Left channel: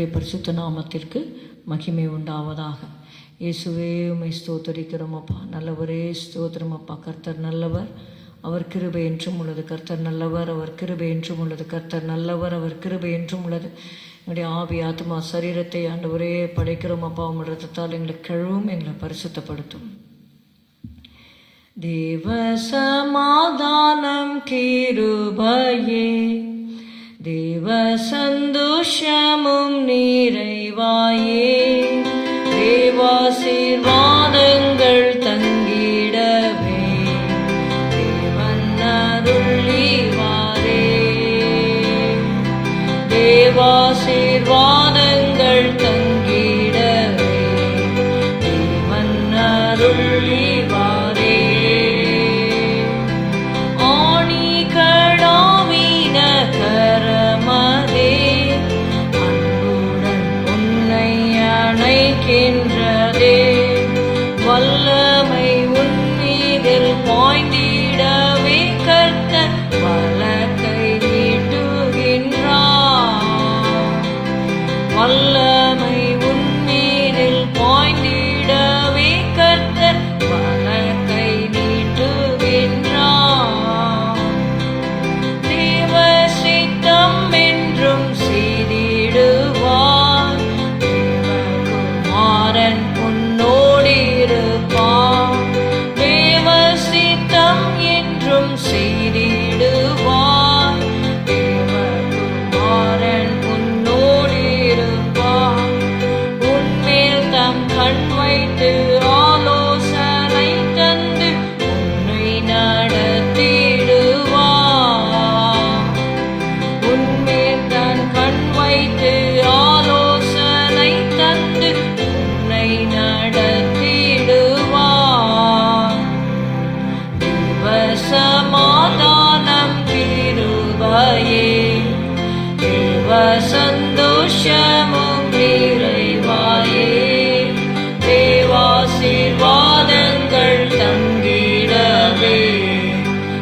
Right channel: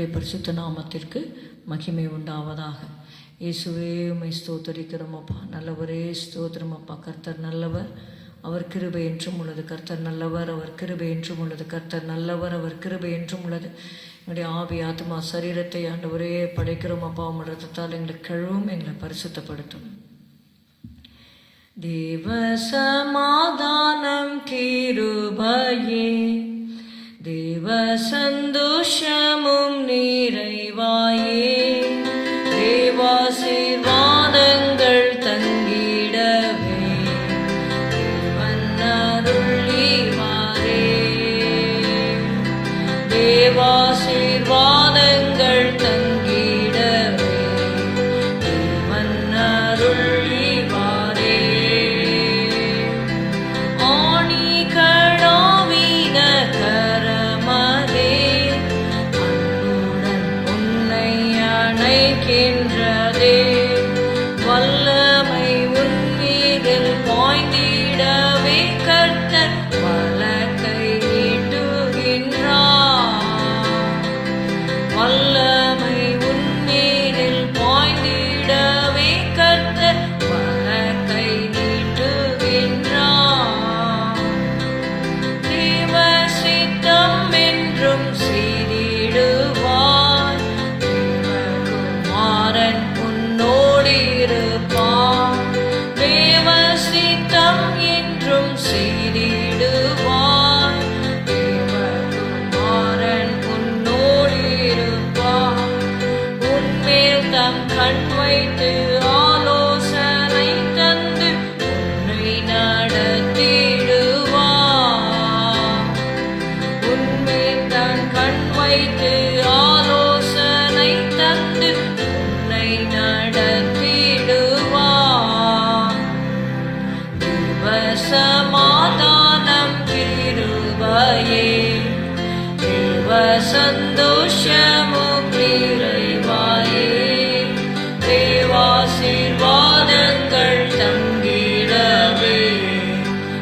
கர்த்தருடைய பரிசுத்த நாமத்திற்கு மகிமை உண்டாவதாக. இயேசுவே உம்மை ஸ்தோத்தரிக்கிறோம் அப்பா. நல்லவரே ஸ்தோத்திரம் அப்பா. கர்த்தர் நல்லவர், அவர் கிருபை என்றும் உள்ளது. கர்த்தர் நல்லவர், அவர் கிருபை என்றும் உள்ளது. கர்த்தர் நல்லவர், அவர் கிருபை என்றும் உள்ளது. எங்களுடைய ஆவி ஆத்மா சரீரத்தை ஆண்டவரே படைக்கிறோம் அப்பா. உம்முடைய ரத்தத்தால் எங்களை கழுவும், எங்களை பரிசுத்தப்படுத்தும். தேவ சமாதானம் கிருபையே, தேவ சந்தோஷமும் நிறைவாயே, தேவாசீர்வாதங்கள் தங்கிடவே தேவன் அருளிவாரே. தேவாசீர்வாதங்கள் தங்கிடவே தேவன் அருளிவாரே. ஆணி கடாவின கரமதே அன்புடன் உன்னை அணைக்கின்றதே. வல்லமை உன்மீதில் பாய்ந்திடவே கர்த்தர் வலக்கை நீட்டுகின்றார். வல்லமை உன்மீதில் பாய்ந்திடவே கர்த்தர் வலக்கை நீட்டுகின்றார். தேவ சித்தம் என்றும் செய்திடுவார். தேவகுமாரன் உன்னோடிருப்பார். தேவ சித்தம் என்றும் செய்திடுவார். தேவகுமாரன் உன்னோடிருப்பார். உன்மேல் தம் கண் வைத்து ஆலோசனை தந்து உன்னை நடத்திடுவார். உன்மேல் தன் கண் வைத்து ஆலோசனை தந்து உன்னை நடத்திடுவார். தேவ சமாதானம் கிருபையே, தேவ சந்தோஷமும் நிறைவாயே, தேவாசீர்வாதங்கள் தங்கிடவே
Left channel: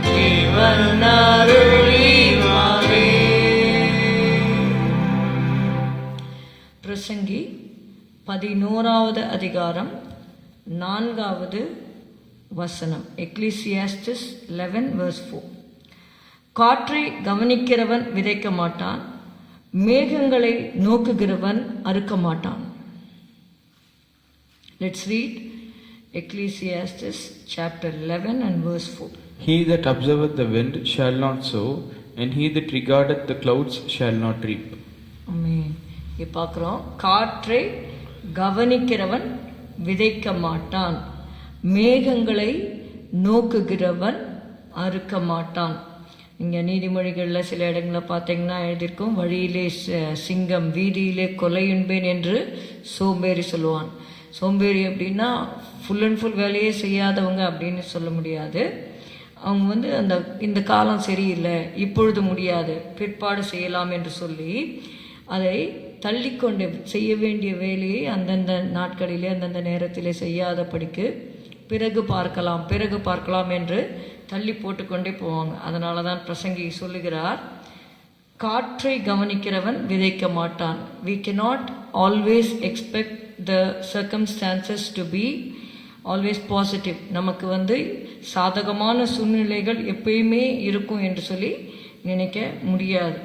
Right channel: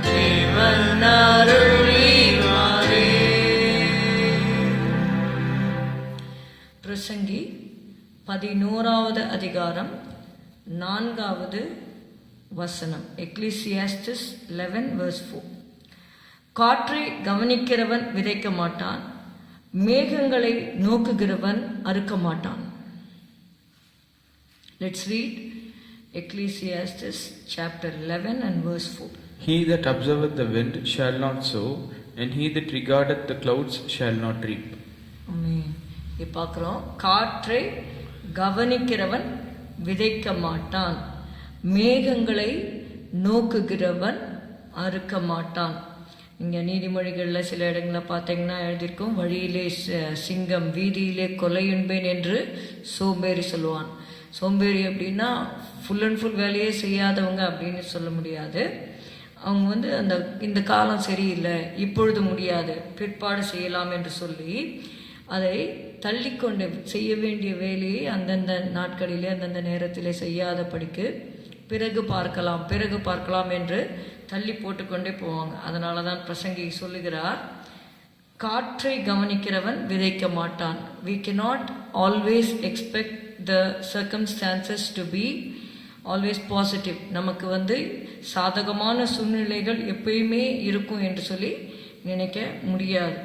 தேவன் அருளிவாரே. பிரசங்கி 11வது அதிகாரம் 4வது வசனம். எக்லீசியாஸ்டிஸ் 11:4. காற்றை கவனிக்கிறவன் விதைக்க மாட்டான், மேகங்களை நோக்குகிறவன் அறுக்க மாட்டான். Let's read Ecclesiastes chapter 11 and verse 4. He that observeth the wind shall not sow, and he that regardeth the clouds shall not reap. ஆமென். இங்க பார்க்கிறோம், காற்றை கவனிக்கிறவன் விதைக்க மாட்டான், மேகங்களை நோக்குகிறவன் அறுக்க மாட்டான். இங்கே நீதிமொழிகளில் சில இடங்களில் பார்த்தீங்கன்னா எழுதியிருக்கும், வழியிலே சிங்கம் வீதியிலே கொலையுண்பேன் என்று சோம்பேறி சொல்லுவான். சோம்பேறி அப்படின்னா ஃபுல் அண்ட் ஃபுல் வேலையே செய்யாதவங்க அப்படின்னு சொல்ல முடியாது. அவங்க இந்த காலம் சரியில்லை, இப்பொழுது முடியாது, பிற்பாடு செய்யலாம் என்று சொல்லி அதை தள்ளிக்கொண்டு செய்ய வேண்டிய வேலையை அந்தந்த நாட்களிலே அந்தந்த நேரத்திலே செய்யாதபடிக்கு பிறகு பார்க்கலாம் என்று தள்ளி போட்டுக்கொண்டே போவாங்க. அதனால தான் பிரசங்கி சொல்லுகிறார், காற்றை கவனிக்கிறவன் விதைக்க மாட்டான். We cannot always expect the circumstances to be always positive. நமக்கு சாதகமான சூழ்நிலைகள் எப்பயுமே இருக்கும் என்று சொல்லி நினைக்க முடியாது.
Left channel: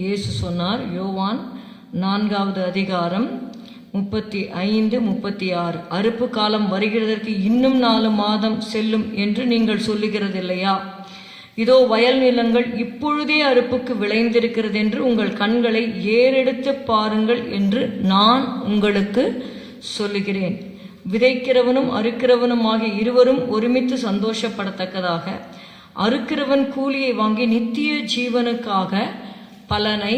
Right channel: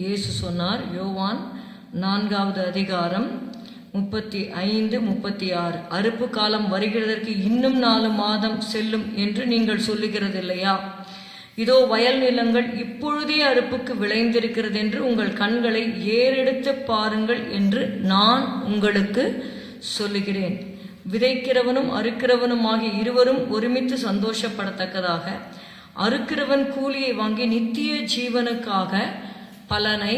இயேசு சொன்னார், யோவான் 4வது அதிகாரம் 35-36, அறுப்பு காலம் வருகிறதற்கு இன்னும் 4 மாதம் செல்லும் என்று நீங்கள் சொல்லுகிறது இல்லையா? இதோ வயல் நிலங்கள் இப்பொழுதே அறுப்புக்கு விளைந்திருக்கிறது என்று உங்கள் கண்களை ஏறெடுத்து பாருங்கள் என்று நான் உங்களுக்கு சொல்லுகிறேன். விதைக்கிறவனும் அறுக்கிறவனும் ஆகிய இருவரும் ஒருமித்து சந்தோஷப்படத்தக்கதாக அறுக்கிறவன் கூலியை வாங்கி நித்திய ஜீவனுக்காக பலனை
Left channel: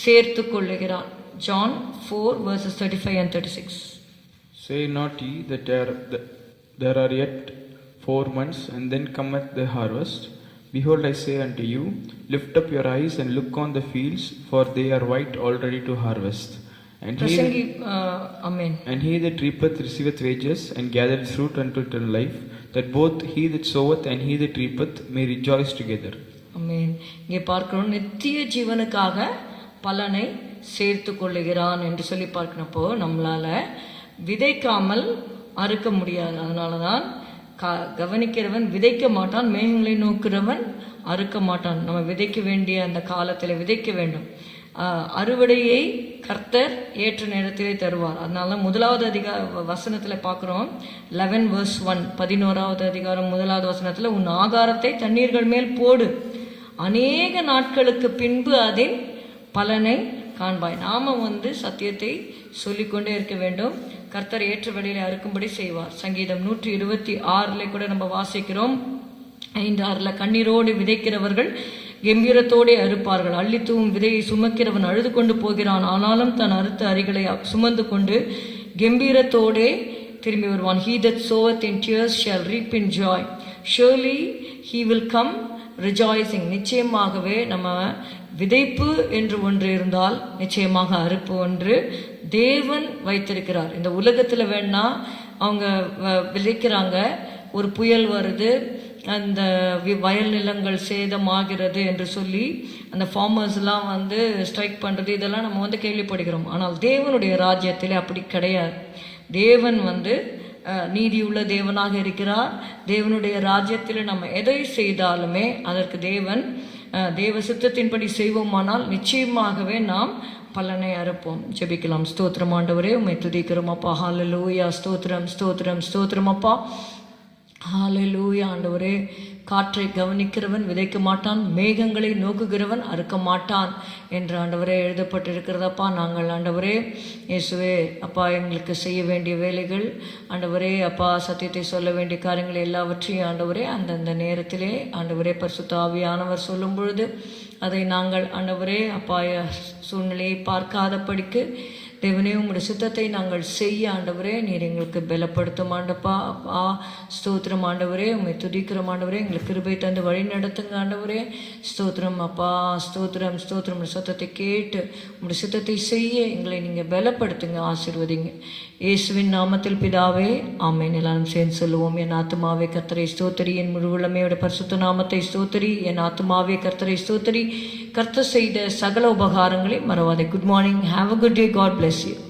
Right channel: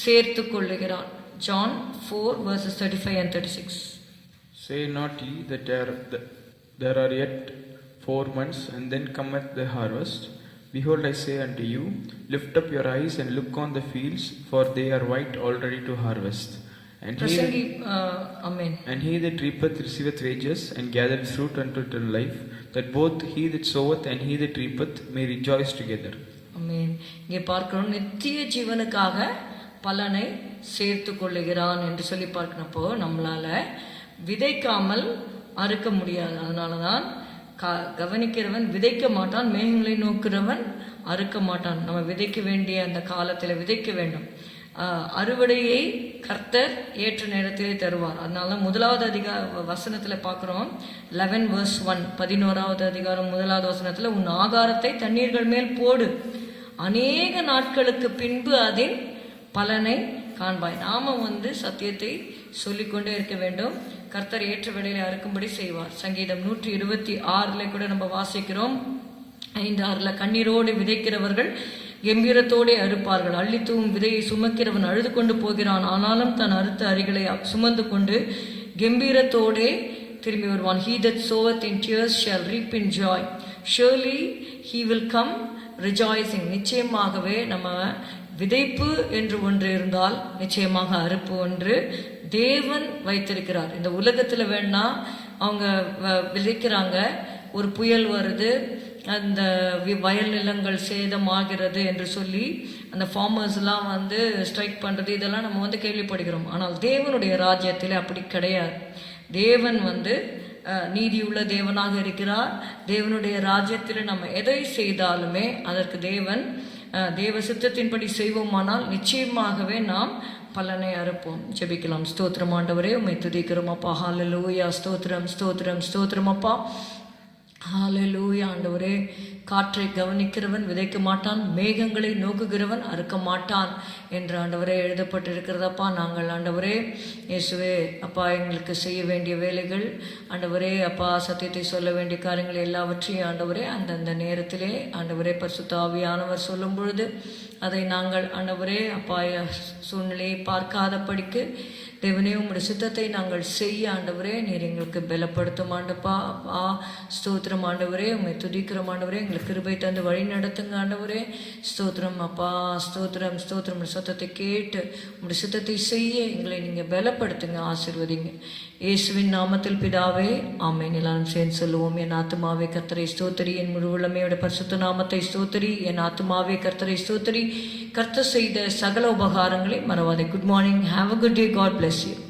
சேர்த்து கொள்ளுகிறான். John 4:35 and 36. Say not ye that there are yet 4 months, and then cometh the harvest. Behold, I say unto you, lift up your eyes and look on the fields, for they are white already to harvest. And he that reapeth receiveth wages, and gathereth fruit unto eternal life, that both he that soweth and he that reapeth may rejoice together. ஆமென். இங்கே பார்க்கிறோம், நித்திய ஜீவனுக்காக பலனை சேர்த்து கொள்ளுகிறான் என்று சொல்லி பார்க்கிறப்போ நம்மளால விதைக்காமல் அறுக்க முடியாது. அதனால தான் கவனிக்கிறவன் விதைக்க மாட்டான், மேகங்களை நோக்கிறவன் அறுக்க மாட்டான். நம்ம விதைக்க வேண்டிய அந்த காலத்தில் விதைக்க வேண்டும். அறுவடையை கர்த்தர் ஏற்ற நேரத்திலே தருவார். அதனால முதலாவது வசனத்தில் பார்க்குறோம், 11:1, 11வது அதிகாரம் 1வது வசனத்தில், உன் ஆகாரத்தை தண்ணீர்கள் மேல் போடு, அநேக நாட்களுக்கு பின்பு அதன் பலனை காண்பாய். நாம சத்தியத்தை சொல்லிக்கொண்டே இருக்க வேண்டும். கர்த்தர் ஏற்ற வேளையிலே அறுக்கும்படி செய்வார். சங்கீதம் 126 கூட நம்ம வாசிக்கிறோம், 5:6, கண்ணீரோடு விதைக்கிறவர்கள் கம்பீரத்தோடே அறுப்பார்கள், அள்ளித்தூவும் விதையை சுமக்கிறவன் அழுது கொண்டு போகிறான், ஆனாலும் தன் அறுத்த அரிகளை சுமந்து கொண்டு கம்பீரத்தோடே திரும்பி வருவான். He that soweth in tears shall reap in joy, surely he will come rejoicing. நிச்சயமாகவே நம்ம விதைப்பு என்று ஒன்று இருந்தால் நிச்சயமாக அறுப்பு ஒன்று தேவன் வைத்திருக்கிறார். இந்த உலகத்தில் வேணா அவங்க விதைக்கிறாங்க, ஒரு புயல் வருது, அந்த வயல் நிலங்கள் சேதமாகிறது என்று சொல்லி அந்த ஃபார்மர்ஸ்லாம் ஸ்ட்ரைக் பண்ணுறது, இதெல்லாம் நம்ம கேள்விப்படுகிறோம். ஆனால் தேவனுடைய ராஜ்யத்தில் அப்படி கிடையாது. தேவன் நீதியுள்ள தேவனாக இருக்கிறார். தேவனுடைய ராஜ்யத்தில் நம்ம எதை செய்தாலுமே அதற்கு தேவ சித்தத்தின்படி செய்வோமானால் நிச்சயமாகவே நாம் பலனை அறுப்போம். ஜெபிக்கலாம். ஸ்தோத்திரம் ஆண்டவரே, உம்மை துதிக்கிறோம் அப்பா. ஹல்லேலூயா. ஸ்தோத்திரம் ஸ்தோத்திரம் ஸ்தோத்திரம் அப்பா. ஹல்லேலூயா. ஆண்டவரே, காற்றை கவனிக்கிறவன் விதைக்க மாட்டான், மேகங்களை நோக்குகிறவன் அறுக்க மாட்டான் என்று ஆண்டவரே எழுதப்பட்டிருக்கிறதப்பா. நாங்கள் ஆண்டவரே இயேசுவே அப்பா, எங்களுக்கு செய்ய வேண்டிய வேலைகள் ஆண்டவரே அப்பா, சத்தியத்தை சொல்ல வேண்டிய காரியங்கள் எல்லாவற்றையும் ஆண்டவரே அந்தந்த நேரத்திலே ஆண்டவரே பரிசுத்த ஆவியானவர் சொல்லும் பொழுது அதை நாங்கள் ஆண்டவரே அப்பா சூழ்நிலையை பார்க்காதபடிக்கு தேவனே உம்முடைய சித்தத்தை நாங்கள் செய்ய ஆண்டவரே நீர் எங்களுக்கு பலப்படுத்தும் ஆண்டப்பா. ஸ்தோத்திரம் ஆண்டவரே, உம்மை துதிக்கிறோம் ஆண்டவரே, எங்களுக்கு கிருபை தந்து வழி நடத்துங்க ஆண்டவரே. ஸ்தோத்திரம் அப்பா, ஸ்தோத்திரம் ஸ்தோத்திரம். சத்தத்தை கேட்டு உம்முடைய சித்தத்தை செய்ய எங்களை நீங்கள் பலப்படுத்துங்க, ஆசீர்வதிங்க. இயேசுவின் நாமத்தில் பிதாவே, ஆமென். எல்லாரும் சேர்ந்து சொல்லுவோம். என் ஆத்துமாவே கர்த்தரை ஸ்தோத்திரி, என் முழு உள்ளமையோட பரிசுத்த நாமத்தை ஸ்தோத்திரி. என் ஆத்துமாவே கர்த்தரை ஸ்தோத்திரி, கர்த்தர் செய்த சகல உபகாரங்களை மறவாதே. Good morning. Have a good day. God bless you.